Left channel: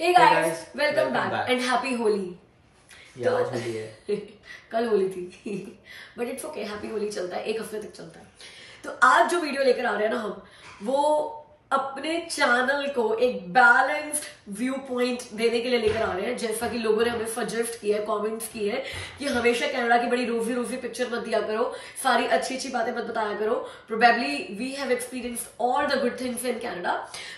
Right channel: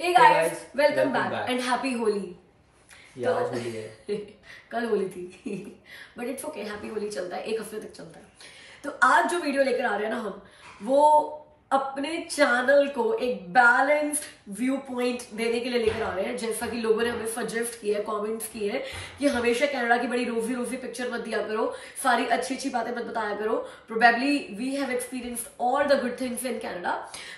Hey guys, welcome back and happy Holi. तो आज होली है कल होली थी but it's okay, happy Holi चलता है, एक हफ्ते तक चलता है। तो आज जो वीडियो लेकर आ रहे हैं ना हम, वो अपने चैनल को एक बैलेंस्ड व्यू पॉइंट देने के लिए लेकर आ रहे हैं। जैसा कि लोगों ने हमें सजेस्ट किया है, कमेंट्स किए हैं कि हमेशा कनाडा की बड़ी रोजी रोजी पिक्चर मत दिया करो, सारी अच्छी अच्छी बातें मत बताया करो। Probably we have experienced all the good things in Canada,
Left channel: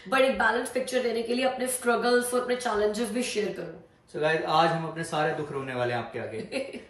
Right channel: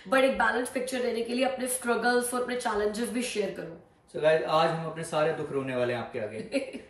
but एक बैलेंस पिक्चर देने के लिए अपने स्ट्रगल्स और अपने चैलेंजेस भी शेयर करो। So guys, आज हम अपने सारे दुख रोने वाले हैं आपके आगे।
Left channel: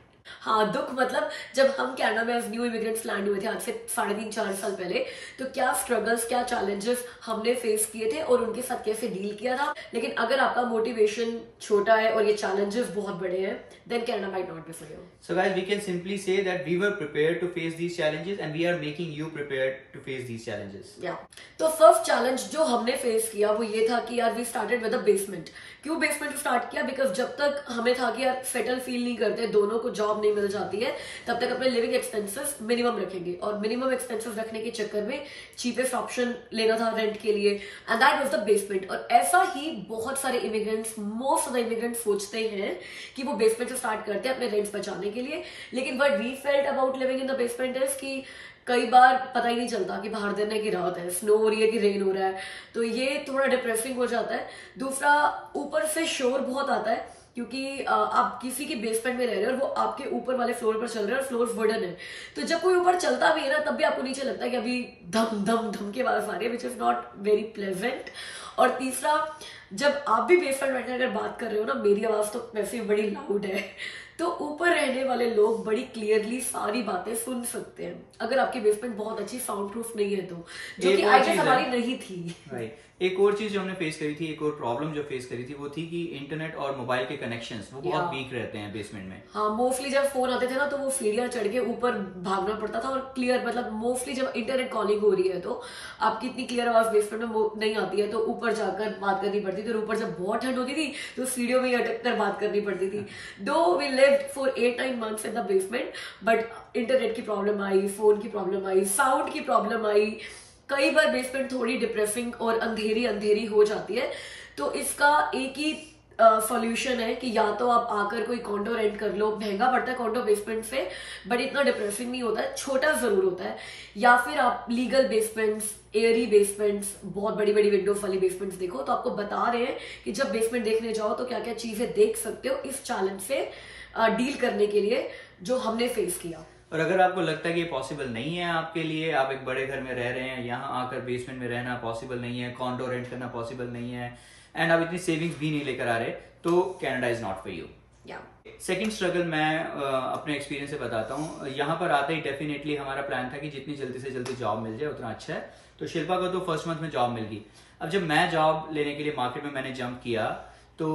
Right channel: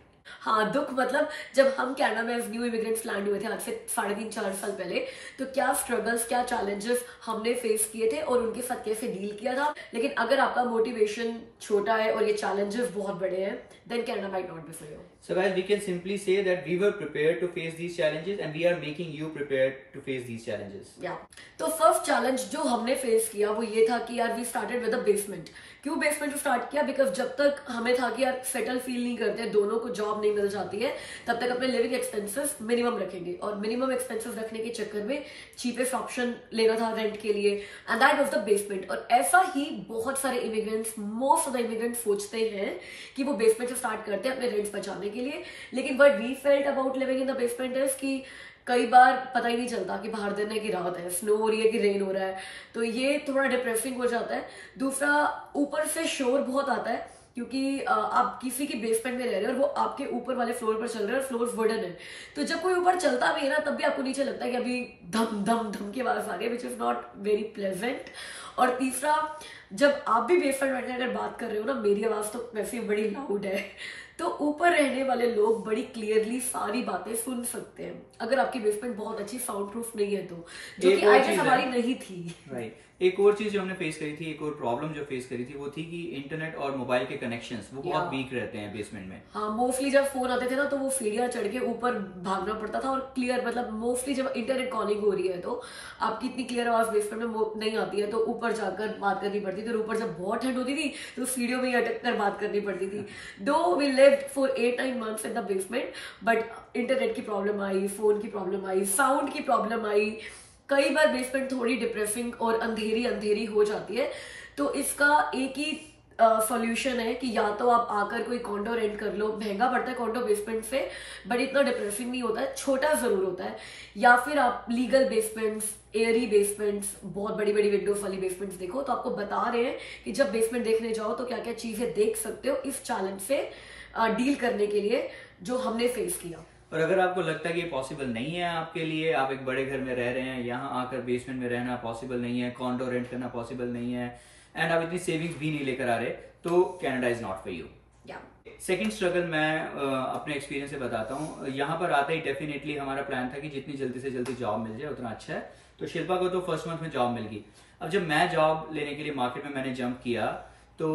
हाँ, दुख मतलब जब हम कनाडा में एज न्यू इमिग्रेंट्स लैंड हुए थे आज से 3.5-4 साल पहले, तो क्या स्ट्रगल्स, क्या चैलेंजेस हमने फेस किए थे और उनके साथ कैसे डील किया था। लेकिन अगर आपका मोटिवेशन छोटा है और ये चैलेंजेस बहुत बड़े हैं, then Canada might not be for you. So guys, we can simply say that we were prepared to face these challenges and we are making you prepared to face these challenges. Yeah. तो first challenge जो हमने face किया वो ये था कि यार we started with a basement. क्यों बेसमेंट स्टार्ट किया? बिकॉज जब तक हमें था कि यार सेटल फील नहीं करते, दोनों को जॉब नहीं मिल जाती है, तब तक अपने लिविंग एक्सपेंसेस मिनिमम रखेंगे। और मिनिमम एक्सपेंसेस रखने के चक्कर में चीपेस्ट ऑप्शन लेना था रेंट के लिए, and that was the basement. और ऐसा ही बहुत सारे immigrants, most of the immigrants सोचते हैं कि वो बेसमेंट से स्टार्ट करते हैं अपने रेंट्स बचाने के लिए। लेकिन what we felt about living in the basement is कि कई बार पता ही नहीं चलता कि बाहर दिन है कि रात है, स्नो हो रही है कि रेन हो रहा है, तो ये थोड़ा डिप्रेसिंग हो जाता है। दूसरा, ऊपर से शोर बहुत आता है क्योंकि आप किसी के बेसमेंट में रह रहे हो और वो आपके ऊपर वाले फ्लोर पर चल रहे हैं और फ्लोर वुडन है, तो जब कोई ऊपर चलता भी है ना, तब भी आपको नीचे लगता है कि अभी धम धम धम की आवाज आ रही है, which is not very pleasant. और तीसरा, जब आप भी बेसमेंट बैठकर अगर बात कर रहे हो ना, मेरी आवाज तो वैसे बड़ी लाउड है, तो ऊपर रहने वाले लोग बड़ी क्लियरली सारी बातें सुन सकते हैं अगर आपकी बेसमेंट बहुत अच्छी साउंड प्रूफ नहीं है तो, जो कि आई गेस हमारी नहीं थी। Right. एक और चीज जो हमने फेस करी थी, एक और प्रॉब्लम जो फेस करी थी, वो थी कि इंटरनेट और मोबाइल के कनेक्शंस वो बहुत वीक रहते हैं बेसमेंट में। हाँ, मोस्टली जब फोन आते थे ना, तो वो सीढ़ियां चढ़ के ऊपर भागना पड़ता था। और क्लियर मतलब मोस्टली जब इंटरनेट कॉलिंग हो रही है तो आपकी इतनी क्लियर आवाज बेसमेंट में नहीं आती है, तो ऊपर जाकर बात करनी पड़ती थी। और ऊपर जब बहुत ठंड होती थी तो सीढ़ियों में अटक कर बात करनी पड़ती थी। Though we lived for 8-9 months in the basement, but internet की प्रॉब्लम आई, फोन की प्रॉब्लम आई, साउंड की प्रॉब्लम आई। कई बार बेसमेंट थोड़ी डिप्रेसिंग और अंधेरी अंधेरी हो जाती है। तो इसका एक ही सॉल्यूशन है कि या तो आप आकर कोई कॉन्डो रेंट कर लो, महंगा पड़ता है कॉन्डो बेसमेंट से, बट इतना डिप्रेसिंग नहीं होता है, छोटा जरूर होता है। या फिर आप लीगल बेसमेंट्स, एयरी बेसमेंट्स, बहुत बड़ी बड़ी विंडोज वाली बेसमेंट्स देखो। तो आपको बता रहे हैं कि जब बेसमेंट देखने जाओ तो क्या क्या चीजें देख सकते हो इस चैलेंज से डील करने के लिए जो हमने फेस किया। और अगर आपको लगता है कि ये पॉसिबल नहीं है आपके लिए, आप एक बड़े घर में रह रहे हैं, यहाँ आकर बेसमेंट में रहना पॉसिबल नहीं है, कॉन्डो रेंट करना पॉसिबल नहीं है, एंड आप इतनी सेविंग्स भी नहीं लेकर आ रहे, तो Canada is not for you. Second struggle मैं अपने एक्सपीरियंस से बताता हूँ। यहाँ पर आते ही डेफिनेटली हमारा प्लान था कि जितनी जल्दी से जल्दी जॉब मिल जाए उतना अच्छा है। तो शिल्पा को तो फर्स्ट मंथ में जॉब मिल गई। अब जब मैं जॉब लेने के लिए मार्केट में मैंने जंप किया, तो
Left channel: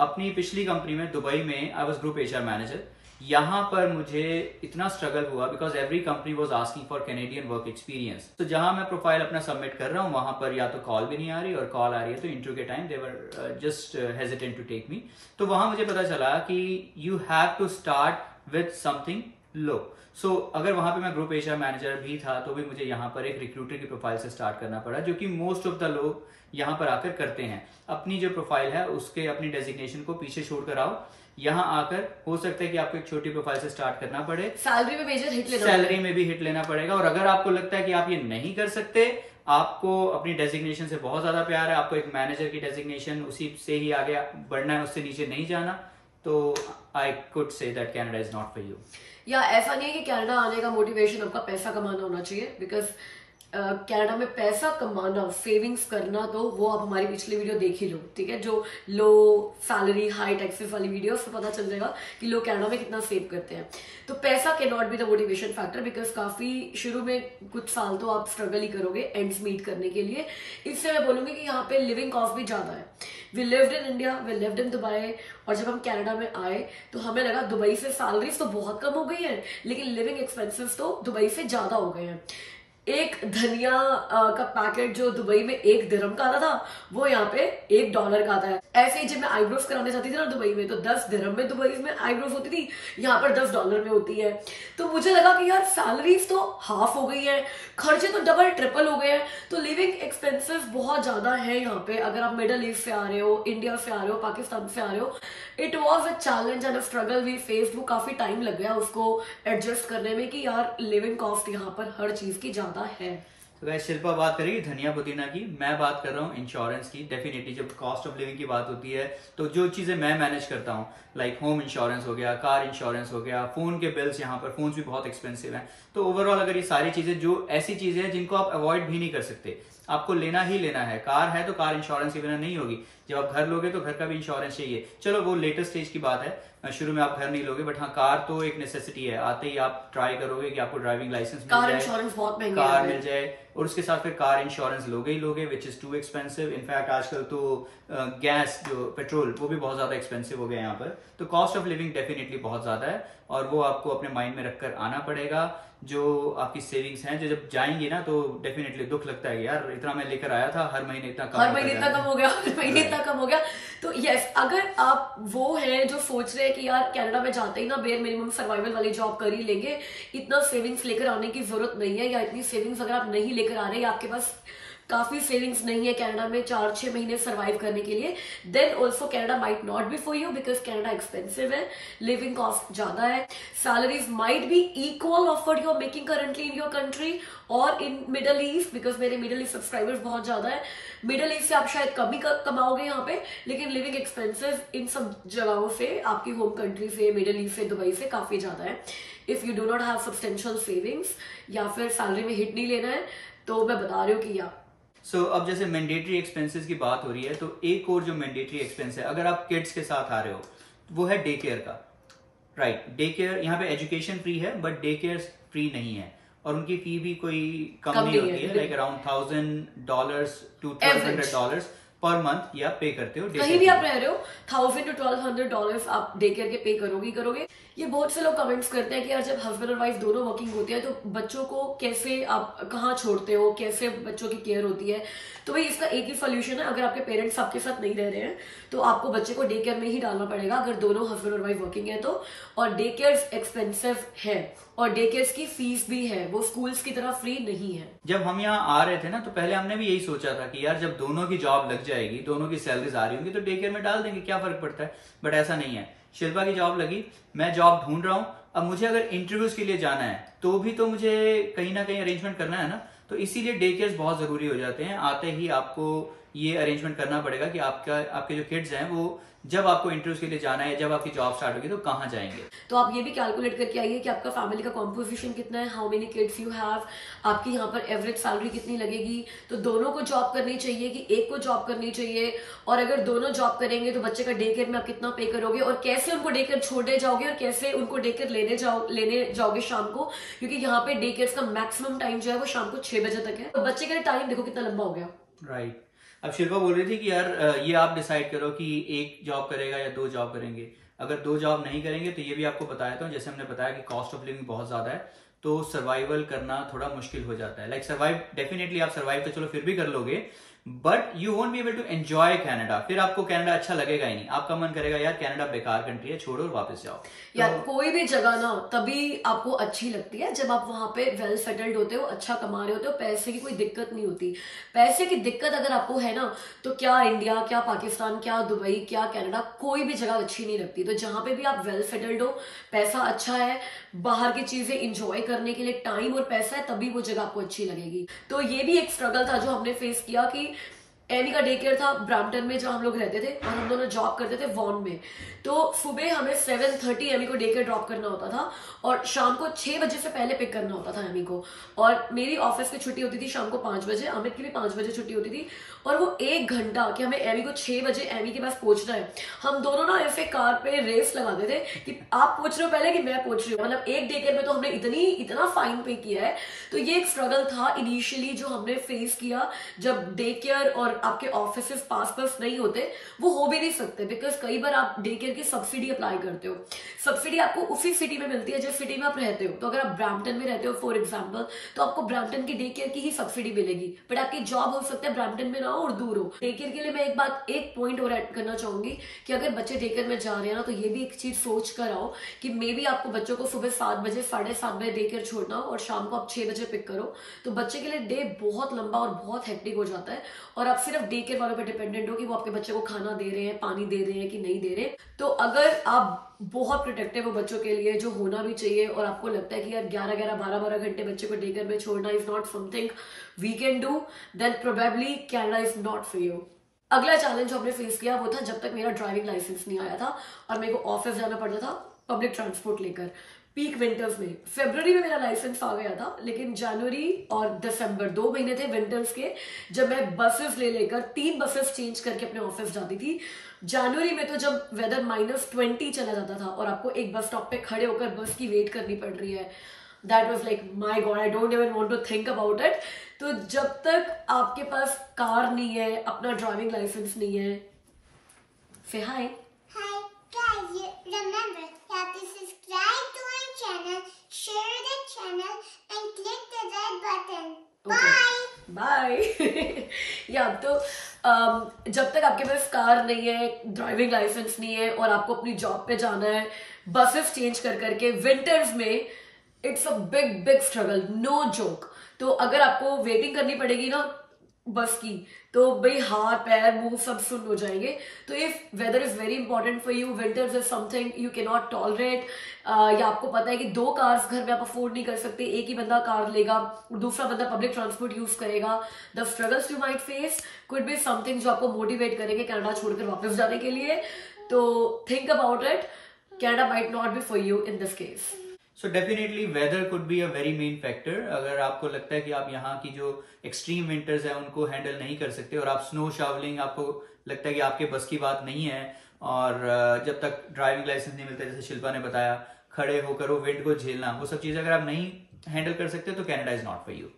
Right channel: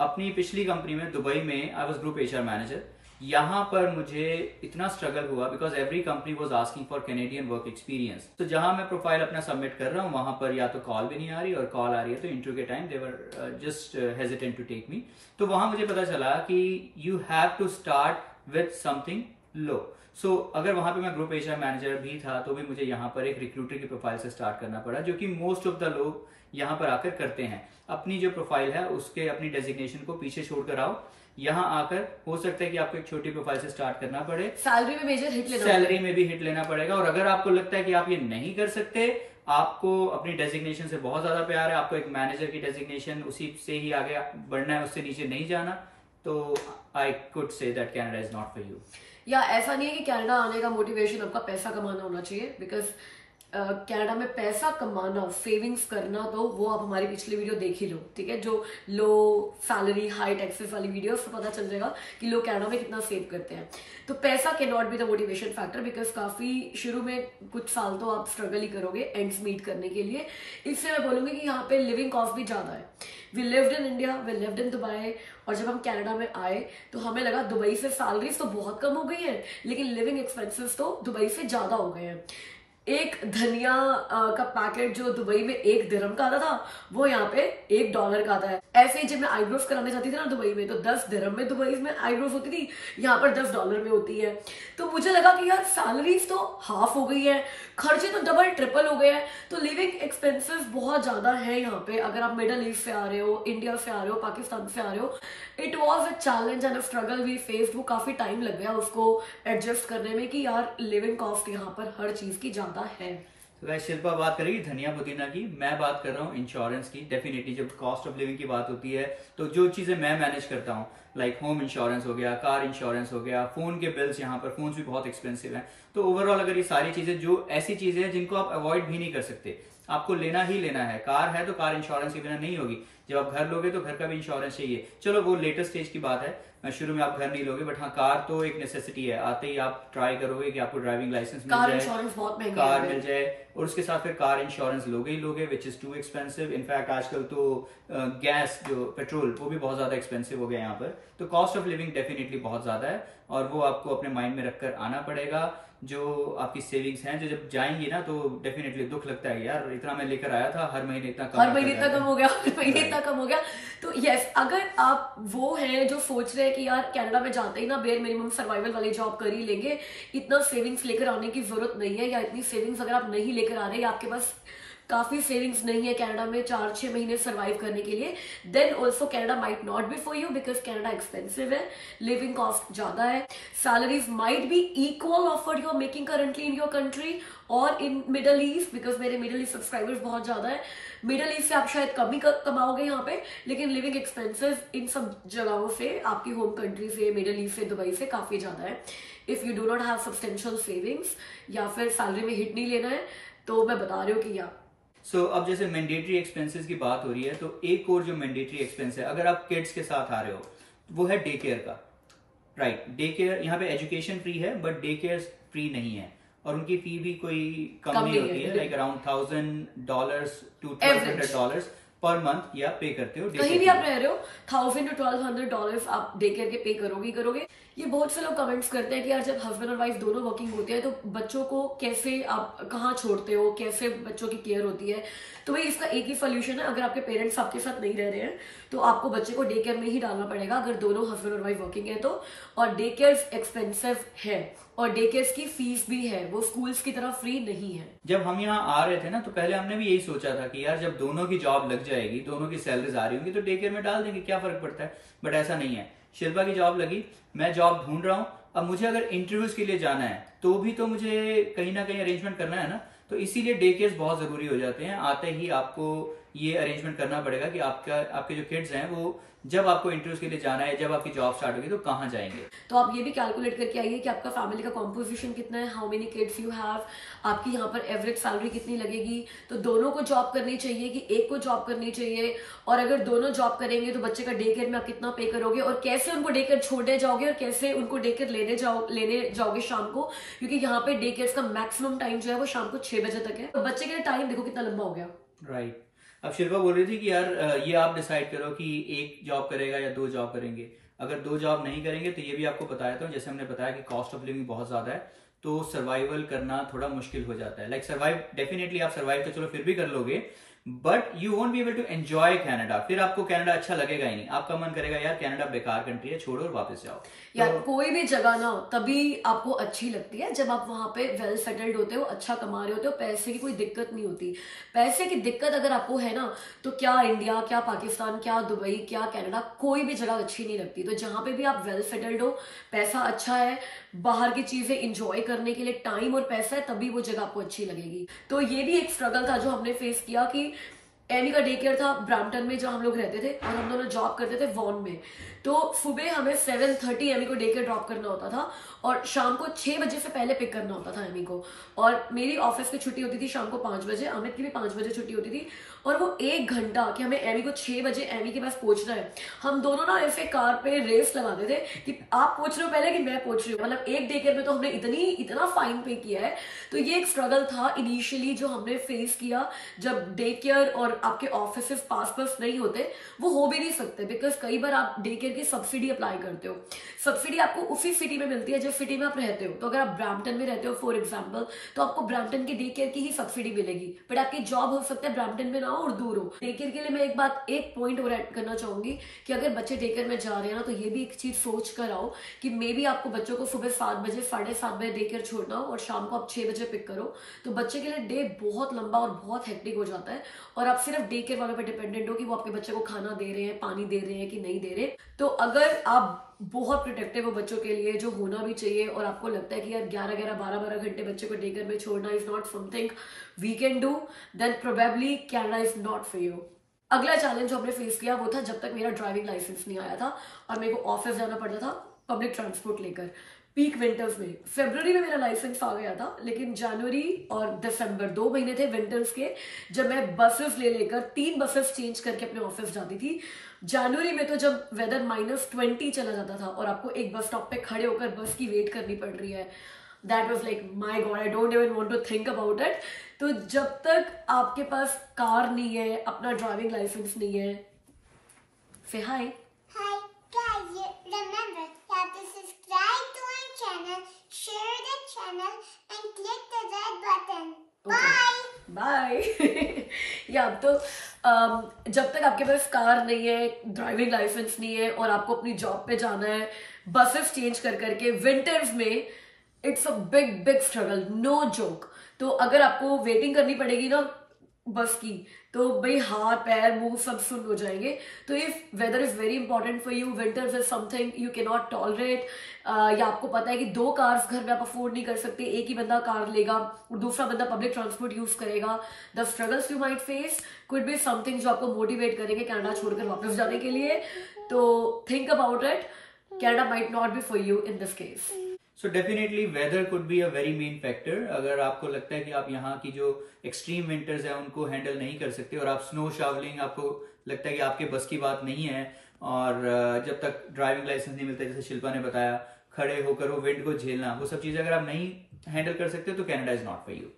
अपनी पिछली कंपनी में दुबई में I was group HR manager. यहाँ पर मुझे इतना स्ट्रगल हुआ because every company was asking for Canadian work experience. तो जहां मैं प्रोफाइल अपना सबमिट कर रहा हूँ, वहां पर या तो कॉल भी नहीं आ रही, और कॉल आ रही है तो इंटरव्यू के time they were just hesitant to take me. तो वहां मुझे पता चला कि you have to start with something low. So अगर वहां पे मैं ग्रुप HR मैनेजर भी था, तो भी मुझे यहाँ पर एक रिक्रूटर की प्रोफाइल से स्टार्ट करना पड़ा, जो कि मोस्ट ऑफ द लोग यहाँ पर आकर करते हैं। अपनी जो प्रोफाइल है उसके अपनी डेजिग्नेशन को पीछे छोड़कर आओ, यहाँ आकर हो सकता है कि आपको एक छोटी प्रोफाइल से स्टार्ट करना पड़े, सैलरी में मेजर हिट लेना, सैलरी में भी हिट लेना पड़ेगा। और अगर आपको लगता है कि आप ये नहीं कर सकते, आपको अपनी डेजिग्नेशन से बहुत ज्यादा प्यार है, आपको एक मैनेजर की डेजिग्नेशन उसी से ही आगे बढ़ना है, उससे नीचे नहीं जाना, तो I could say that Canada is not for you. या ऐसा नहीं है कि कनाडा आने का मोटिवेशन आपका पैसा कमाना होना चाहिए, बिकॉज कनाडा में पैसा कमाना, सेविंग्स करना, तो वो आप हमारी पिछली वीडियो देख ही लो, ठीक है, जो लो सैलरी हाई टैक्सेस वाली वीडियो, उससे पता चल जाएगा कि लोग कनाडा में कितना सेव करते हैं। तो पैसा can not be the motivation factor, because काफी शुरू में कुछ साल तो आप स्ट्रगल ही करोगे एंड्स मीट करने के लिए। इससे मैं बोलूंगी कि यहाँ पे लिविंग कॉस्ट भी ज्यादा है। We lived in India, we lived in Dubai, और जब हम कनाडा में आए तो हमें लगा दुबई से सैलरीज तो बहुत कम हो गई है, लेकिन लिविंग एक्सपेंसेस तो दुबई से ज्यादा हो गए हैं। एक धनिया का पैकेट जो दुबई में 1 दिरहम का आता था, वो यहाँ पे $1 का आता है। ऐसे ही जब मैं आईब्रोज कराने जाती थी ना दुबई में, तो 10 दिरहम में दुबई में आईब्रोज होती थी, यहाँ पर $10 में होती है। तो मुझे लगा कि यार सैलरीज तो हाफ हो गई है, खर्चे तो डबल ट्रिपल हो गए हैं, तो लिविंग एक्सपेंसिव बहुत ज्यादा है यहाँ पे। अगर आप मिडल ईस्ट से आ रहे हो, इंडिया से आ रहे हो, पाकिस्तान से आ रहे हो, it was a challenge and a struggle we faced. वो काफी टाइम लग गया उसको एडजस्ट करने में कि यार लिविंग कॉस्ट यहाँ पर हर चीज की ज्यादा है। तो गाइस शिल्पा बात करेगी धनिया पुदीना की, मैं बात कर रहा हूँ इंश्योरेंस की। डेफिनेटली जब कॉस्ट ऑफ लिविंग की बात होती है तो जो चीजें मैं मैनेज करता हूँ, लाइक होम इंश्योरेंस हो गया, कार इंश्योरेंस हो गया, फोन के बिल्स, यहाँ पर फोन भी बहुत एक्सपेंसिव हैं। तो ओवरऑल अगर ये सारी चीजें जो ऐसी चीजें हैं जिनको आप अवॉइड भी नहीं कर सकते, आपको लेना ही लेना है। कार है तो कार इंश्योरेंस के बिना नहीं होगी, जब आप घर लोगे तो घर का भी इंश्योरेंस चाहिए। चलो वो लेटेस्ट स्टेज की बात है, शुरू में आप घर नहीं लोगे, बट हाँ कार तो एक नेसेसिटी है। आते ही आप ट्राई करोगे कि आपको ड्राइविंग लाइसेंस मिल जाए, कार इंश्योरेंस बहुत महंगा कार मिल जाए, और उसके साथ फिर कार इंश्योरेंस लोगे ही लोगे, which is too expensive. In fact आजकल तो गैस जो पेट्रोल वो भी बहुत ज्यादा एक्सपेंसिव हो गया यहाँ पर। तो कॉस्ट ऑफ लिविंग डेफिनेटली बहुत ज्यादा है, और वो आपको अपने माइंड में रखकर आना पड़ेगा। जो आपकी सेविंग्स हैं जो जब जाएंगी ना, तो डेफिनेटली दुख लगता है यार, इतना मैं लेकर आया था, हर महीने इतना कम, हर महीने इतना कम हो गया, हर महीने इतना कम हो गया। तो यस, अगर आप वो हैं जो सोच रहे हैं कि यार कनाडा में जाते ही ना बेयर मिनिमम सर्वाइवल वाली जॉब कर ही लेंगे, इतना सेविंग्स लेकर आने की जरूरत नहीं है, या इतनी सेविंग्स अगर आप नहीं लेकर आ रहे या आपके पास काफी सेविंग्स नहीं है कनाडा में 4-6 महीने सर्वाइव करने के लिए, then also Canada might not be for you, because Canada expensive है, लिविंग कॉस्ट ज्यादा है, salaries might be equal of what you are making currently in your country और इन मिडल ईस्ट, बिकॉज मेरे मिडल ईस्ट सब्सक्राइबर्स बहुत ज्यादा है। Middle east से आप शायद कम ही कमाओगे यहाँ पे, लेकिन लिविंग एक्सपेंसिव इन सब जगहों से, आपकी होम कंट्री से, मिडल ईस्ट से, दुबई से काफी ज्यादा है। If you do not have substantial savings या फिर सैलरी में हिट नहीं लेना है, तो मैं बता रही हूँ कि या अब जैसे मैंडेटरी एक्सपेंसेस की बात हो रही है, तो एक और जो मैंडेटरी एक्सपेंस है अगर आप किड्स के साथ आ रहे हो, वो है डे केयर का। राइट, डे केयर यहाँ पे एजुकेशन फ्री है, बट डे केयर फ्री नहीं है, और उनकी फी भी कोई कम नहीं होती है, like around $1,000 to $1,200 per month ये आप पे करते हो। कहीं भी आप रह रहे हो $1,000 to $1,200 आप डे केयर के पे करोगे। ये बहुत से लोग कमेंट्स करते हैं कि यार जब हस्बैंड और वाइफ दोनों वर्किंग होते हैं तो बच्चों को कैसे आप कहाँ छोड़ते हो, कैसे बच्चों की केयर होती है। तो भाई इसका एक ही सोल्यूशन है, अगर आपके पेरेंट्स आपके साथ नहीं रह रहे हैं तो आपको बच्चे को डे केयर में ही डालना पड़ेगा, अगर दोनों हस्बैंड और वाइफ वर्किंग है तो। और डे केयर एक्सपेंसिव है, और डे केयर की फीस भी है, वो स्कूल्स की तरह फ्री नहीं है। जब हम यहाँ आ रहे थे ना, तो पहले हमने भी यही सोचा था कि यार जब दोनों की जॉब लग जाएगी, दोनों की सैलरीज आ रही होंगी, तो डे केयर में डाल देंगे, क्या फर्क पड़ता है। बट ऐसा नहीं है। शिल्पा की जॉब लगी, मैं जॉब ढूंढ रहा हूँ, अब मुझे अगर इंटरव्यूज के लिए जाना है तो भी तो मुझे कहीं ना कहीं अरेंजमेंट करना है ना, तो इसीलिए डे केयर बहुत जरूरी हो जाते हैं। आते ही आपको ये अरेंजमेंट करना पड़ेगा कि आपके जो किड्स हैं वो जब आपको इंटरव्यूज के लिए जाना है, जब आपकी जॉब स्टार्ट होगी, तो कहाँ जाएंगे। तो आप ये भी कैलकुलेट करके आइए कि आपका फैमिली का कॉम्पोजिशन कितना है, how many kids you have, आपकी यहाँ पर एवरेज सैलरी कितनी लगेगी। तो दोनों को जॉब करनी चाहिए कि एक को जॉब करनी चाहिए, और अगर दोनों जॉब करेंगे तो बच्चे का डे केयर में आप कितना पे करोगे, और कैसे उनको डे केयर छोड़ने जाओगे, और कैसे उनको डे केयर लेने जाओगे शाम को, क्योंकि यहाँ पे डे केयर का मैक्सिमम टाइम जो है वो शाम को 6 बजे तक है। तो बच्चे का टाइम देखो कितना लंबा हो गया। राइट। अब शिल्पा बोल रही थी कि यार ये आप डिसाइड करो कि एक जॉब करेगा या 2 जॉब करेंगे। अगर 2 जॉब नहीं करेंगे तो ये भी आपको बताया था, जैसे हमने बताया कि कॉस्ट ऑफ लिविंग बहुत ज्यादा है, तो सर्वाइवल करना थोड़ा मुश्किल हो जाता है। लाइक सर्वाइव डेफिनेटली आप सर्वाइव तो चलो फिर भी कर लोगे, but you won't be able to enjoy Canada. फिर आपको कनाडा अच्छा लगेगा ही नहीं, आपका मन करेगा यार कनाडा बेकार कंट्री है, छोड़ो और वापस जाओ। यार तो कोई भी जगह ना तभी आपको अच्छी लगती है जब आप वहां पे वेल सेटल्ड होते हो, अच्छा कमा रहे होते हो, पैसे की कोई दिक्कत नहीं होती। पैसे की दिक्कत अगर आपको है ना, तो क्या इंडिया, क्या पाकिस्तान, क्या दुबई, क्या कनाडा, कोई भी जगह अच्छी नहीं लगती। तो जहां पे भी आप वेल सेटल्ड हो, पैसा अच्छा है, बाहर की चीजें इंजॉय करने के लिए टाइम और पैसा है, तभी वो जगह आपको अच्छी लगेगी। तो ये भी एक स्ट्रगल था जो हमने फेस किया कि एमी का डे केयर था ब्रैम्पटन में जहां हम लोग रहते थे, और हम दोनों जॉब करते थे वॉन में। तो सुबह हमें 7:30 एमी को डे केयर ड्रॉप करना होता था, और शाम को 6 बजे से पहले पिक करना होता था एमी को। और मेरी ऑफिस की छुट्टी होती थी शाम को 5 बजे, अमित की भी 5 बजे छुट्टी होती थी, और वो 1 घंटा कि हमें एमी को 6 बजे एमी के पास पहुंचना है, हम दोनों ना ऐसे कार पे रेस लगाते थे कि आप पहुंच रहे हो पहले कि मैं पहुंच रही हूँ। मतलब एक डे केयर में तो हमने इतना फाइन पे किया है। तो ये एक स्ट्रगल था इनिशियली जो हमने फेस किया जब डे केयर और और आपके ऑफिस पास नहीं होते वो हो भी नहीं सकते, बिकॉज कई बार आप डे केयर की सब्सिडी अप्लाई करते हो। सब्सिडी आपको उसी सिटी में मिलती है जिस सिटी में आप रहते हो। तो अगर आप ब्रैम्पटन में रहते हो फॉर एग्जाम्पल, तो आपको ब्रैम्पटन की डे केयर की ही सब्सिडी मिलेगी, बट आपकी जॉब हो सकता है ब्रैम्पटन में ना हो और दूर हो। डे केयर के लिए मैं एक पॉइंट और ऐड करना चाहूंगी कि अगर बच्चे डे केयर में जा रहे हैं ना, तो ये भी एक चीज सोच कर आओ कि मे बी आपको बच्चों को सुबह 7 बजे 7:30 बजे डे केयर छोड़ना हो और शाम को आप 6 बजे पिक करो, तो बच्चे के लिए डे बहुत लंबा और बहुत हेक्टिक हो जाता है और आप सिर्फ डे केयर वालों पर डिपेंडेंट हो कि वो आपके बच्चे को खाना दे रहे हैं, पानी दे रहे हैं कि नहीं दे रहे। तो अगर आप बहुत प्रोटेक्टिव हो बच्चों के लिए, जो होना भी चाहिए, और आपको लगता है कि यार 11-11 12-12 घंटे बच्चे को डे केयर में छोड़ना is not something we can do, then probably Canada is not for you. अगला चैलेंज जो हमने फेस किया वो था जब तक मेरा ड्राइविंग लाइसेंस नहीं आया था और मेरे को ऑफिस जाना पड़ता था पब्लिक ट्रांसपोर्ट लेकर पीक विंटर्स में। फरवरी में मेरा लाइसेंस आ गया था, लेकिन जनवरी और दिसंबर 2 महीने थे विंटर्स के, जब मैं बसेस लेकर 3 बसेस चेंज करके अपने ऑफिस जाती थी। जनवरी में तो जब वेदर -20 चला जाता था और आपको एक बस स्टॉप पे खड़े होकर बस की वेट करनी पड़ रही है, that was like my God, I don't even want to think about it. तो जब तक आपके पास कार नहीं है, अपना ड्राइविंग लाइसेंस नहीं है, से हाय guys, remember you have to subscribe to our channel, share the channel and click the red button. Bye. Bye. या तो जब तक आपके पास कार नहीं है, ड्राइविंग लाइसेंस नहीं है और आपको अपनी जॉब पे जाना है बसेस चेंज कर करके विंटर्स में, it's a big struggle, no joke. तो अगर आपको वेटिंग करनी पड़ेगी ना बस की, तो भाई हाथ पैर मुंह सब सुन हो जाएंगे। तो if weather is very important for you, winters is something you can not tolerate, या आपको पता है कि 2 कार्स घर में आप अफोर्ड नहीं कर सकते, एक ही बंदा कार लेगा और दूसरा बंदा पब्लिक ट्रांसपोर्ट यूज करेगा, the struggles you might face could be something जो आपको मोटिवेट करेंगे कनाडा छोड़कर वापस जाने के लिए। तो think about it, Canada might not be for you in this case. So definitely weather could be a very main factor. अगर आपको लगता है कि आप यहाँ की जो एक्सट्रीम विंटर्स है उनको हैंडल नहीं कर सकते और आप स्नो शावलिंग, आपको लगता है कि आपके बस की बात नहीं है, और जब तक ड्राइविंग लाइसेंस नहीं मिलता, जैसे शिल्पा ने बताया, खड़े होकर वो विंड को झेलना, वो सब चीजें अगर आप नहीं हैंडल कर सकते तो Canada is not for you.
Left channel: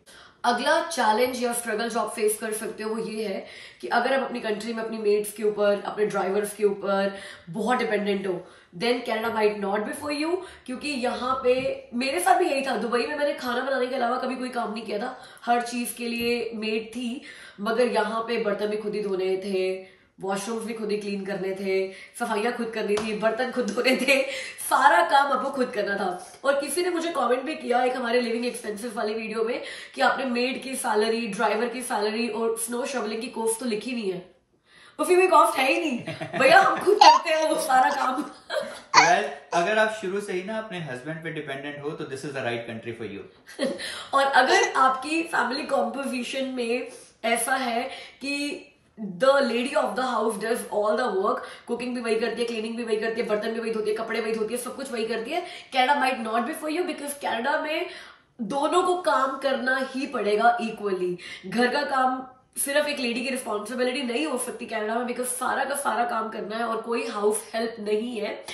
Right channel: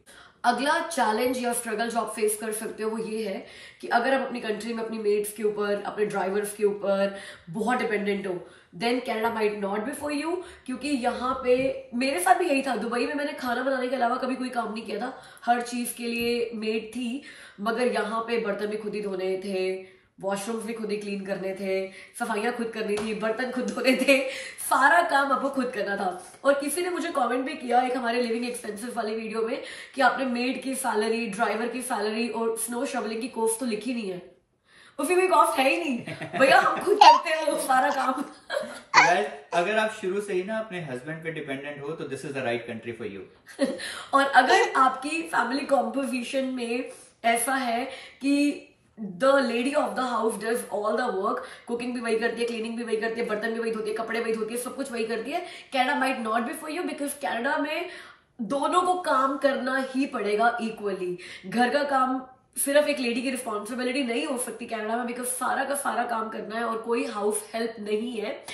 अगला चैलेंज या स्ट्रगल जो आप फेस कर सकते हो वो ये है कि अगर आप अपनी कंट्री में अपनी मेट्स के ऊपर, अपने ड्राइवर्स के ऊपर बहुत डिपेंडेंट हो, then Canada might not be for you. क्योंकि यहाँ पे मेरे साथ भी यही था, दुबई में मैंने खाना बनाने के अलावा कभी कोई काम नहीं किया था, हर चीज के लिए मेड थी, मगर यहाँ पे बर्तन भी खुद ही धोने थे, वॉशरूम्स भी खुद ही क्लीन करने थे, सफाइयां खुद करनी थी, बर्तन खुद धोने थे, सारा काम आपको खुद करना था। और किसी ने मुझे कमेंट भी किया एक हमारे लिविंग एक्सपेंसेस वाली वीडियो में कि आपने मेड की सैलरी, ड्राइवर की सैलरी और स्नो शवलिंग की कॉस्ट तो लिखी नहीं है। उसकी कोई कॉस्ट है ही नहीं भैया, हम खुद करते हैं वो सारा काम। अगर आप शुरू से ही ना अपने हस्बैंड पे डिपेंडेंट हो तो this is the right country for you. और अगर आपकी फैमिली कॉम्पोजिशन में ऐसा है कि the lady of the house does all the work, cooking भी वही करती है, क्लीनिंग भी वही करती है, बर्तन भी वही धोती है, कपड़े वही धोती है, सब कुछ वही करती है, Canada might not be for you, because Canada में दोनों को काम करना ही पड़ेगा इक्वली। घर का काम सिर्फ एक लेडी की रिस्पॉन्सिबिलिटी नहीं हो सकती कनाडा में, बिकॉज सारा का सारा काम करना है और कोई हाउस हेल्प नहीं है।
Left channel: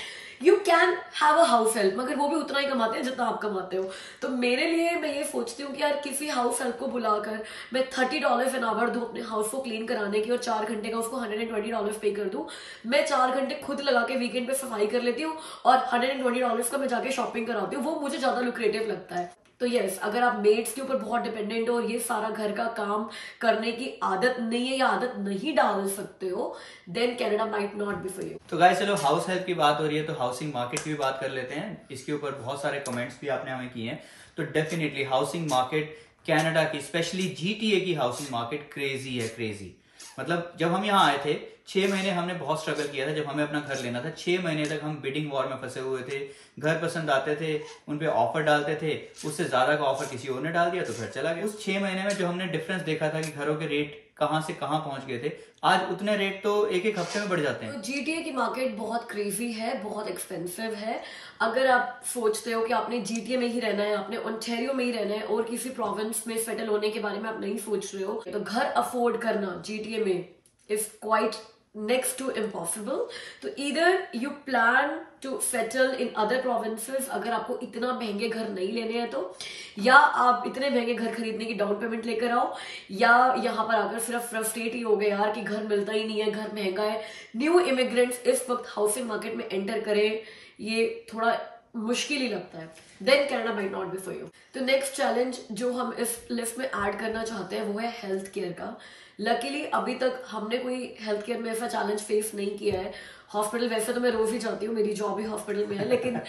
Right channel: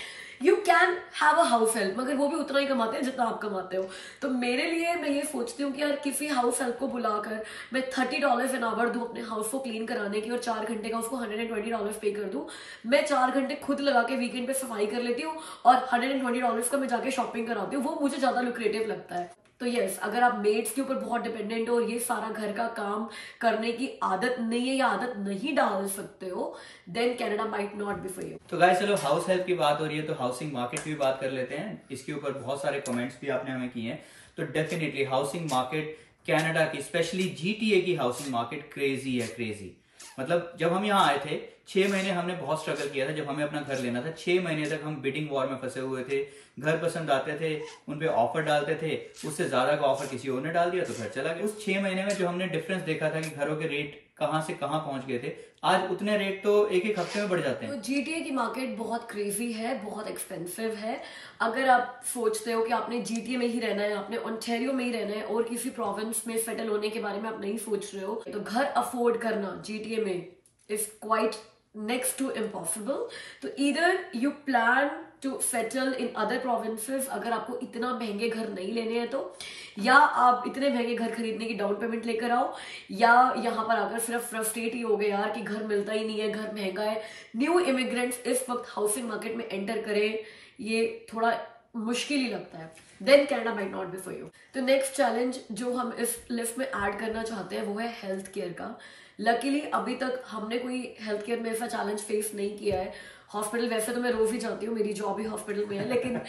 You can have a house help, मगर वो भी उतना ही कमाते हैं जितना आप कमाते हो। तो मेरे लिए मैं ये सोचती हूँ कि यार किसी हाउस हेल्प को बुलाकर मैं $30 एन आवर दूं अपने हाउस को क्लीन कराने की और 4 घंटे का उसको $120 पे कर दूं। मैं 4 घंटे खुद लगा के वीकेंड पे सफाई कर लेती हूँ और $120 का मैं जाके शॉपिंग कराती हूँ, वो मुझे ज्यादा लुक्रेटिव लगता है। तो यस, अगर आप मेड्स के ऊपर बहुत डिपेंडेंट हो और ये सारा घर का काम करने की आदत नहीं है या आदत नहीं डाल सकते हो, then Canada might not be for you. तो गाइस चलो, हाउस हेल्प की बात हो रही है तो हाउसिंग मार्केट की भी बात कर लेते हैं। इसके ऊपर बहुत सारे कमेंट्स भी आपने हमें किए हैं। तो डेफिनेटली हाउसिंग मार्केट कनाडा की, स्पेशली GTA की हाउसिंग मार्केट क्रेजी है, क्रेजी। मतलब जब हम यहाँ आए थे 6 महीने हमने बहुत स्ट्रगल किया था। जब हमें अपना घर लेना था 6 महीने तक हम बिडिंग वॉर में फंसे हुए थे। घर पसंद आते थे, उन पे ऑफर डालते थे, उससे ज्यादा का ऑफर किसी और ने डाल दिया तो घर चला गया। उस 6 महीने में जो हमने डिफरेंस देखा था कि घरों के रेट कहां से कहां पहुंच गए थे, आज उतने रेट तो एक हफ्ते में बढ़ जाते हैं। तो GTA की मार्केट बहुत क्रेजी है, बहुत एक्सपेंसिव है। अगर आप सोचते हो कि आपने GTA में ही रहना है, आपने ओंटारियो में ही रहना है और किसी प्रोविंस में सेटल होने के बारे में आप नहीं सोच रहे हो, तो घर अफोर्ड करना GTA में is quite next to impossible. तो either you plan to settle in other provinces अगर आपको इतना महंगे घर नहीं लेने हैं तो, या आप इतने महंगे घर खरीदने की डाउन पेमेंट लेकर आओ, या यहाँ पर आकर सिर्फ फ्रस्ट्रेट ही हो गए यार कि घर मिलता ही नहीं है, घर महंगा है. न्यू इमिग्रेंट्स इस वक्त हाउसिंग मार्केट में एंटर करें, ये थोड़ा मुश्किल ही लगता है. Then Canada might not be for you. तो नेक्स्ट चैलेंज जो हम इस लिस्ट में ऐड करना चाहते हैं वो है हेल्थ केयर का. लकीली अभी तक हमने कोई हेल्थ केयर में ऐसा चैलेंज फेस नहीं किया है. हॉस्पिटल वैसे तो मैं रोज ही जाती हूँ, मेरी जॉब ही हॉस्पिटल में है, लेकिन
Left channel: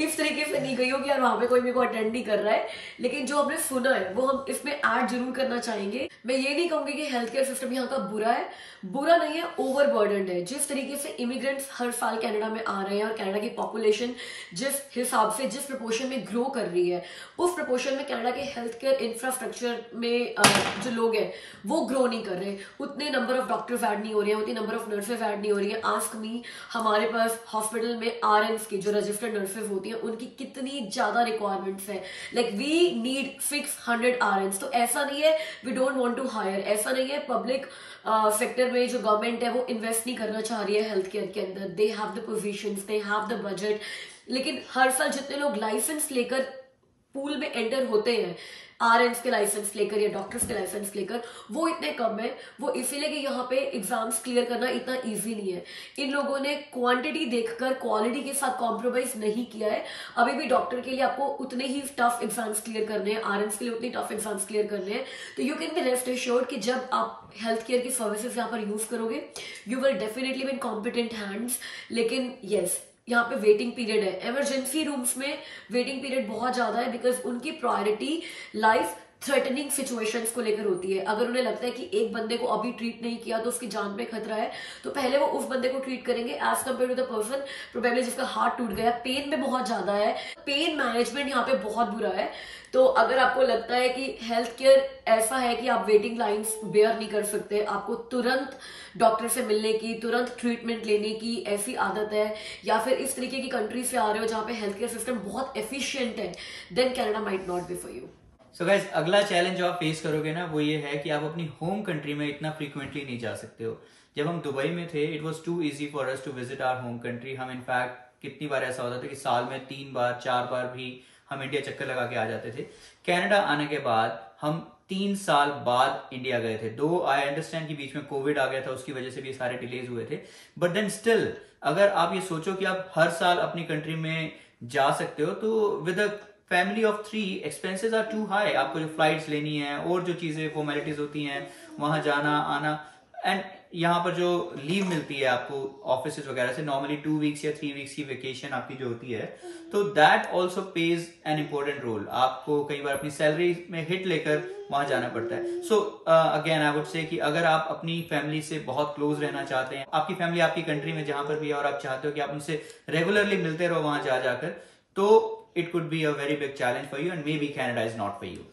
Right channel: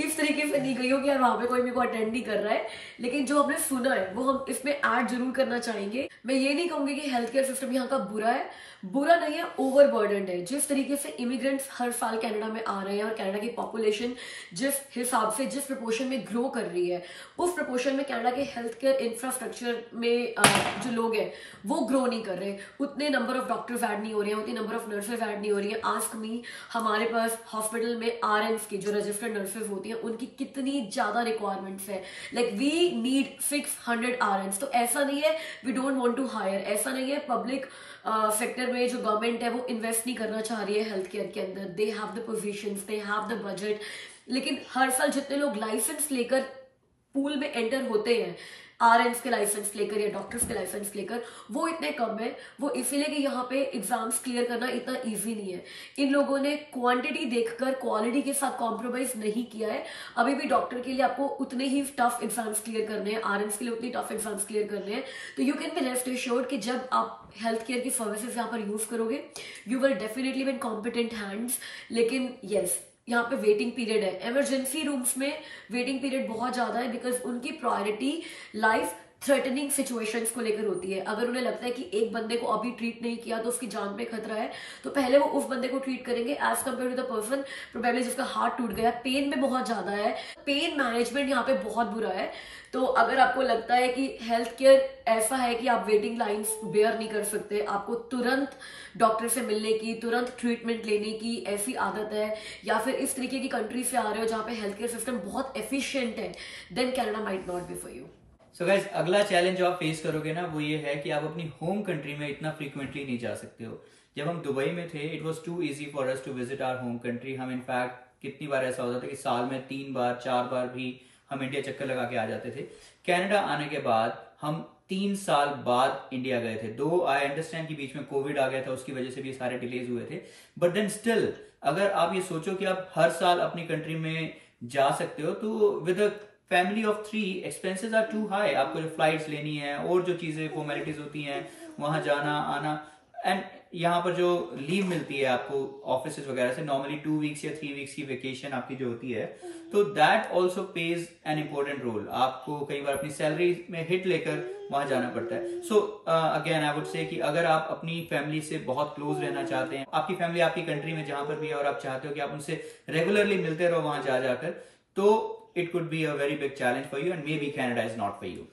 इस तरीके से नहीं गई हो कि यार वहां पे कोई मेरे को अटेंड नहीं कर रहा है. लेकिन जो हमने सुना है वो हम इसमें ऐड जरूर करना चाहेंगे. मैं ये नहीं कहूंगी कि हेल्थ केयर सिस्टम यहाँ का बुरा है, बुरा नहीं है, ओवरबर्डन्ड है. जिस तरीके से इमिग्रेंट्स हर साल कनाडा में आ रहे हैं और कनाडा की पॉपुलेशन जिस हिसाब से जिस प्रपोर्शन में ग्रो कर रही है, उस प्रपोर्शन में कनाडा के हेल्थ केयर इंफ्रास्ट्रक्चर में जो लोग हैं वो ग्रो नहीं कर रहे. उतने नंबर ऑफ डॉक्टर्स ऐड नहीं हो रहे हैं, उतनी नंबर ऑफ नर्सेज ऐड नहीं हो रही है. आस्क मी, हमारे पास हॉस्पिटल में RNs की जो रजिस्टर्ड नर्सेज होती हैं उनकी कितनी ज्यादा रिक्वायरमेंट्स है. Like we need 600 RNs. तो ऐसा नहीं है we don't want to hire, ऐसा नहीं है पब्लिक सेक्टर में जो गवर्नमेंट है वो इन्वेस्ट नहीं करना चाह रही है हेल्थ केयर के अंदर. They have the positions, they have the budget, लेकिन हर साल जितने लोग लाइसेंस लेकर पूल में एंटर होते हैं, RNs के लाइसेंस लेकर या डॉक्टर्स के लाइसेंस लेकर, वो इतने कम है. वो इसीलिए कि यहाँ पे एग्जाम्स क्लियर करना इतना इजी नहीं है. इन लोगों ने क्वांटिटी देखकर क्वालिटी के साथ कॉम्प्रोमाइज नहीं किया है. अभी भी डॉक्टर के लिए आपको उतने ही टफ एग्जाम्स क्लियर करने हैं, RNs के लिए उतनी टफ एग्जाम्स क्लियर करने हैं. तो you can be rest assured कि जब आप हेल्थ केयर की सर्विसेज यहाँ पर यूज करोगे, you will definitely be in competent hands. लेकिन येस, यहाँ पे वेटिंग पीरियड है. इमरजेंसी रूम्स में वेटिंग पीरियड बहुत ज्यादा है, बिकॉज उनकी प्रायोरिटी लाइफ थ्रेटनिंग सिचुएशंस को लेकर होती है. अगर उन्हें लगता है कि एक बंदे को अभी ट्रीट नहीं किया तो उसकी जान पे खतरा है, तो पहले वो उस बंदे को ट्रीट करेंगे as compare to the person probably जिसका हार्ट टूट गया. पेन में बहुत ज्यादा है, पेन मैनेजमेंट यहाँ पे बहुत बुरा है. तो अगर आपको लगता है कि हेल्थ केयर ऐसा है कि आप वेटिंग लाइंस बेयर नहीं कर सकते, आपको तुरंत डॉक्टर से मिलने की, तुरंत ट्रीटमेंट लेने की ऐसी आदत है, या फिर इस तरीके की कंट्री से आ रहे हो जहाँ पे हेल्थ केयर सिस्टम बहुत एफिशिएंट है, then Canada might not be for you. So guys, अगला चैलेंज जो आप फेस करोगे ना वो ये है कि आप अपनी होम कंट्री में इतना फ्रीक्वेंटली नहीं जा सकते हो. जब हम दुबई में थे, it was too easy for us to visit our home country. हम इनफैक्ट कितनी बार ऐसा होता था कि साल में 3 बार 4 बार भी हम इंडिया चक्कर लगा के आ जाते थे. कनाडा आने के बाद हम 3 साल बाद इंडिया गए थे. दो आई अंडरस्टैंड कि बीच में कोविड आ गया था, उसकी वजह से भी सारे डिलेज हुए थे, बट देन स्टिल अगर आप ये सोचो कि आप हर साल अपनी कंट्री में जा सकते हो, तो with a family of 3 expenses are too high. आपको जो फ्लाइट्स लेनी है और जो चीजें फॉर्मेलिटीज होती हैं, वहां जाना आना, एंड यहाँ पर जो लीव मिलती है आपको ऑफिस वगैरह से, नॉर्मली 2 वीक्स या 3 वीक्स की वेकेशन आपकी जो होती है, तो that also plays an important role. आपको कई बार अपनी सैलरी में हिट लेकर वहां जाना पड़ता है. So again I would say कि अगर आप अपनी फैमिली से बहुत क्लोज रहना चाहते हैं, आपकी फैमिली आपकी कंट्री में जहां पर भी है और आप चाहते हो कि आप उनसे रेगुलरली मिलते रहो वहां जाकर, तो it could be a very big challenge for you and maybe Canada is not for you.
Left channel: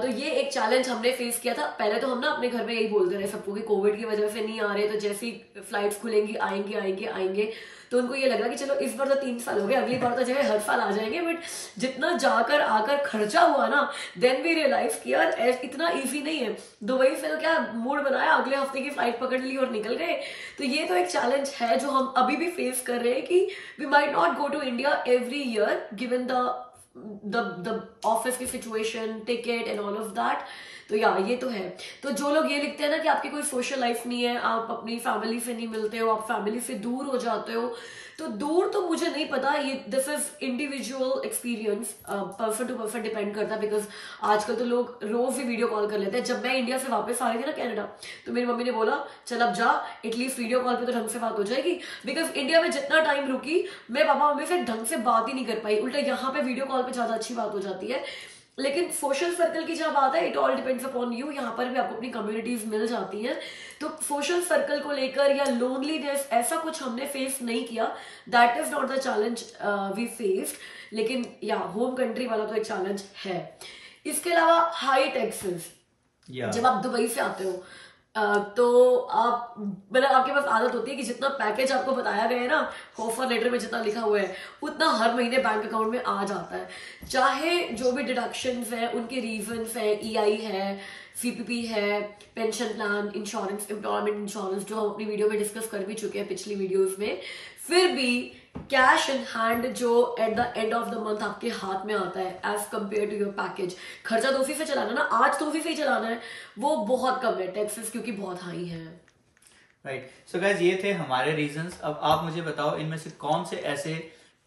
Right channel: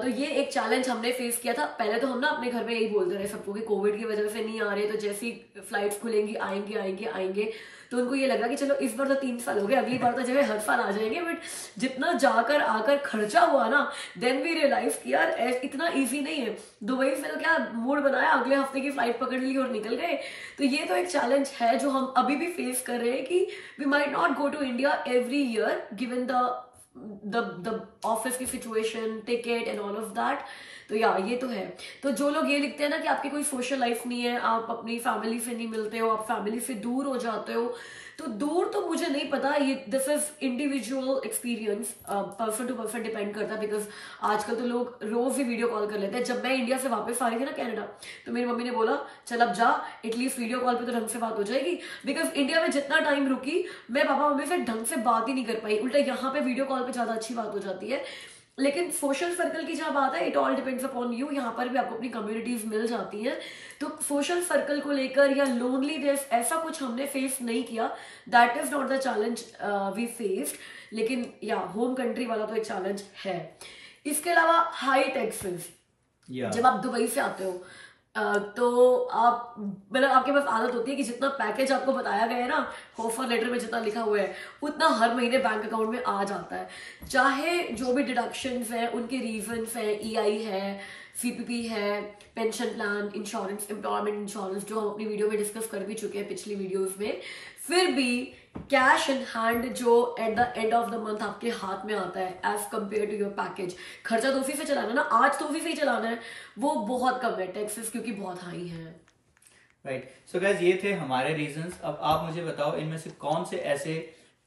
तो ये एक चैलेंज हमने फेस किया था. पहले तो हम ना अपने घर में यही बोलते रहे सबको कि कोविड की वजह से नहीं आ रहे, तो जैसे ही फ्लाइट्स खुलेंगी आएंगे आएंगे आएंगे, तो उनको ये लगा कि चलो इस बार तो 3 साल हो गए, अगली बार तो जो है हर साल आ जाएंगे. बट जितना जाकर आकर खर्चा हुआ ना, देन वी रियलाइज कि यार इतना इजी नहीं है. दुबई से तो क्या मूड बनाया, अगले हफ्ते की फ्लाइट पकड़ ली और निकल गए. तो ये तो एक चैलेंज है जो हम अभी भी फेस कर रहे हैं कि we might not go to India every year given the office की situation, ticket and all of that. तो या ये तो है. तो जो लोग ये लिखते हैं ना कि आपकी कोई सोशल लाइफ नहीं है, आप अपनी फैमिली से नहीं मिलते हो, आप फैमिली से दूर हो जाते हो, तो दूर तो मुझे नहीं पता. ये this is individual experience, person to person depend करता है. बिकॉज आजकल तो लोग रोज ही वीडियो कॉल कर लेते हैं. जब मैं इंडिया से वापस आ रही थी ना कनाडा, तो मेरी मम्मी ने बोला चल अब जा, एटलीस्ट वीडियो कॉल पे तो ढंग से बात हो जाएगी. बिकॉज इंडिया में जितना टाइम रुकी, मैं पापा मम्मी से ढंग से बात ही नहीं कर पाई. उल्टा यहाँ पे वीडियो कॉल पे ज्यादा अच्छी बात हो जाती है. लेकिन सोशल सर्कल की जब बात है, it all depends upon you. यहाँ पर भी आपको अपनी कम्युनिटीज मिल जाती हैं. तो सोशल सर्कल को लेकर या लोनलीनेस ऐसा कुछ हमने फेस नहीं किया. That is not the challenge we faced. लेकिन या होम कंट्री वाला तो एक चैलेंज है. इसके अलावा हाई टैक्सेस. जब आप दुबई से आते हो तो आप मतलब आपके पास आदत होती है कि जितना पैकेज आपको बताया गया है ना, ऑफर लेटर में जितना लिखा हुआ है, उतना हर महीने बैंक अकाउंट में आ जाता है. चाहे जो भी डिडक्शंस हैं उनके रीजंस हैं, EI है, CPP है, pension plan, insurance, employment insurance, जो हम अपनी वीडियो में डिस्कस कर भी चुके हैं पिछली वीडियोस में, फिर भी कैश इन हैंड जो at the end of the month आपके हाथ में आता है as compare to your package, खर्चा तो उसी से चलाना ना, आज तो उसी से ही चलाना है, वो बहुत कम है, टैक्सेस क्योंकि बहुत हाई है। राइट, सो गाइस ये थे हमारे रीजंस। अब आप मुझे बताओ इनमें से कौन से ऐसे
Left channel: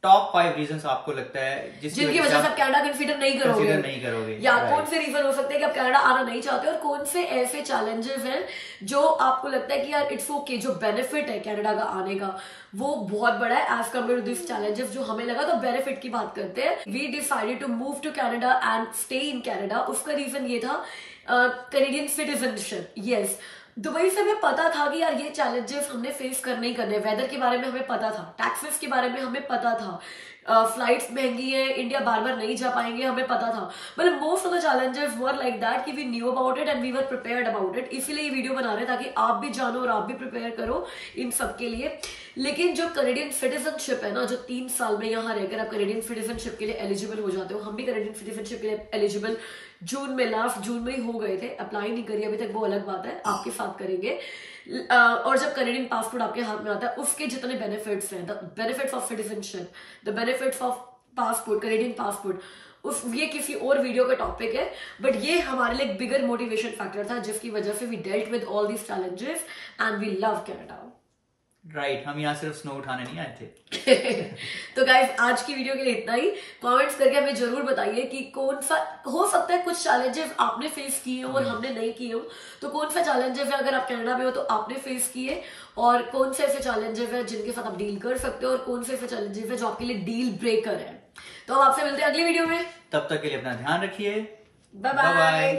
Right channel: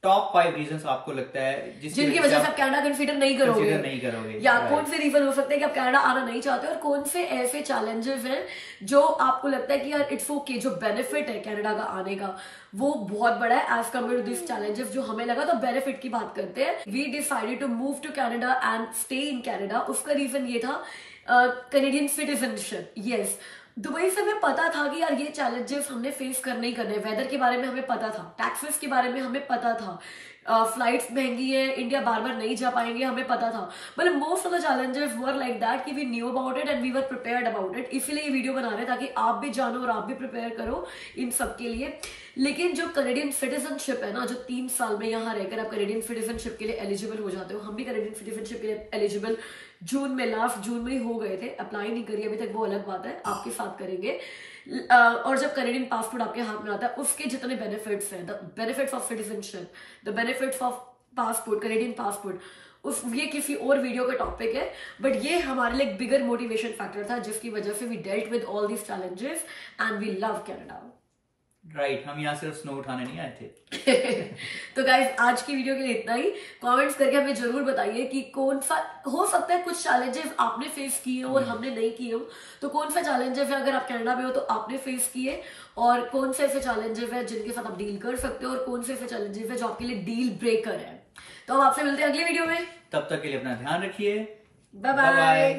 टॉप 5 रीजंस आपको लगता है जिनकी वजह से आप कनाडा कंसीडर नहीं करोगे, या कौन से रीजन हो सकते हैं कि आप कनाडा आना नहीं चाहते, और कौन से ऐसे चैलेंजेस हैं जो आपको लगता है कि यार इट्स ओके, जो बेनिफिट है कनाडा का आने का वो बहुत बड़ा है as compare to this challenges जो हमें लगा। तो बेनिफिट की बात करते हैं। We decided to move to Canada and stay in Canada. उसका रीजन ये था कैनेडियन सिटीजनशिप। यस, दुबई से हमें पता था कि यार ये चैलेंजेस हमने फेस करने ही करने, वेदर के बारे में हमें पता था, टैक्सेस के बारे में हमें पता था, फ्लाइट्स महंगी है, इंडिया बार बार नहीं जा पाएंगे, हमें पता था। मतलब most of the challenges were like that कि we knew about it and we were prepared about it. इसीलिए ये वीडियो बना रहे हैं ताकि आप भी जानो और आप भी प्रिपेयर करो इन सब के लिए। लेकिन जो कैनेडियन सिटीजनशिप है ना, जो 3 साल में यहाँ रहकर आप कैनेडियन सिटीजनशिप के लिए एलिजिबल हो जाते हो, हम भी कैनेडियन सिटीजनशिप के लिए एलिजिबल जून में, लास्ट जून में ही हो गए थे, अप्लाई नहीं करी अभी तक, वो अलग बात है, आपके साथ करेंगे। और जब कैनेडियन पासपोर्ट आपके हाथ में आता है, उसके जितने बेनिफिट्स हैं, the benefits of citizenship, the benefits of passport, Canadian passport, ये किसी और वीडियो का टॉपिक है, बट ये हमारे लिए एक बिगर मोटिवेशन फैक्टर था जिसकी वजह से we dealt with all these challenges and we love Canada. Right, हम यहाँ सिर्फ स्नो उठाने नहीं आए थे। तो गाइस आज की वीडियो के लिए इतना ही। कमेंट्स करके हमें जरूर बताइए कि कौन सा, हो सकता है कुछ चैलेंजेस आपने फेस किए हो और हमने नहीं किए हो, तो कौन सा चैलेंजेस है अगर आप कनाडा में हो तो आपने फेस किए, और कौन से ऐसे चैलेंजेस है जिनके साथ आप डील कर सकते हो, और कौन से ऐसे चैलेंजेस है जो आपके लिए डील ब्रेकर है। तो अब आपसे मिलते हैं अगली वीडियो में, तब तक के लिए अपना ध्यान रखिए, बाय बाय।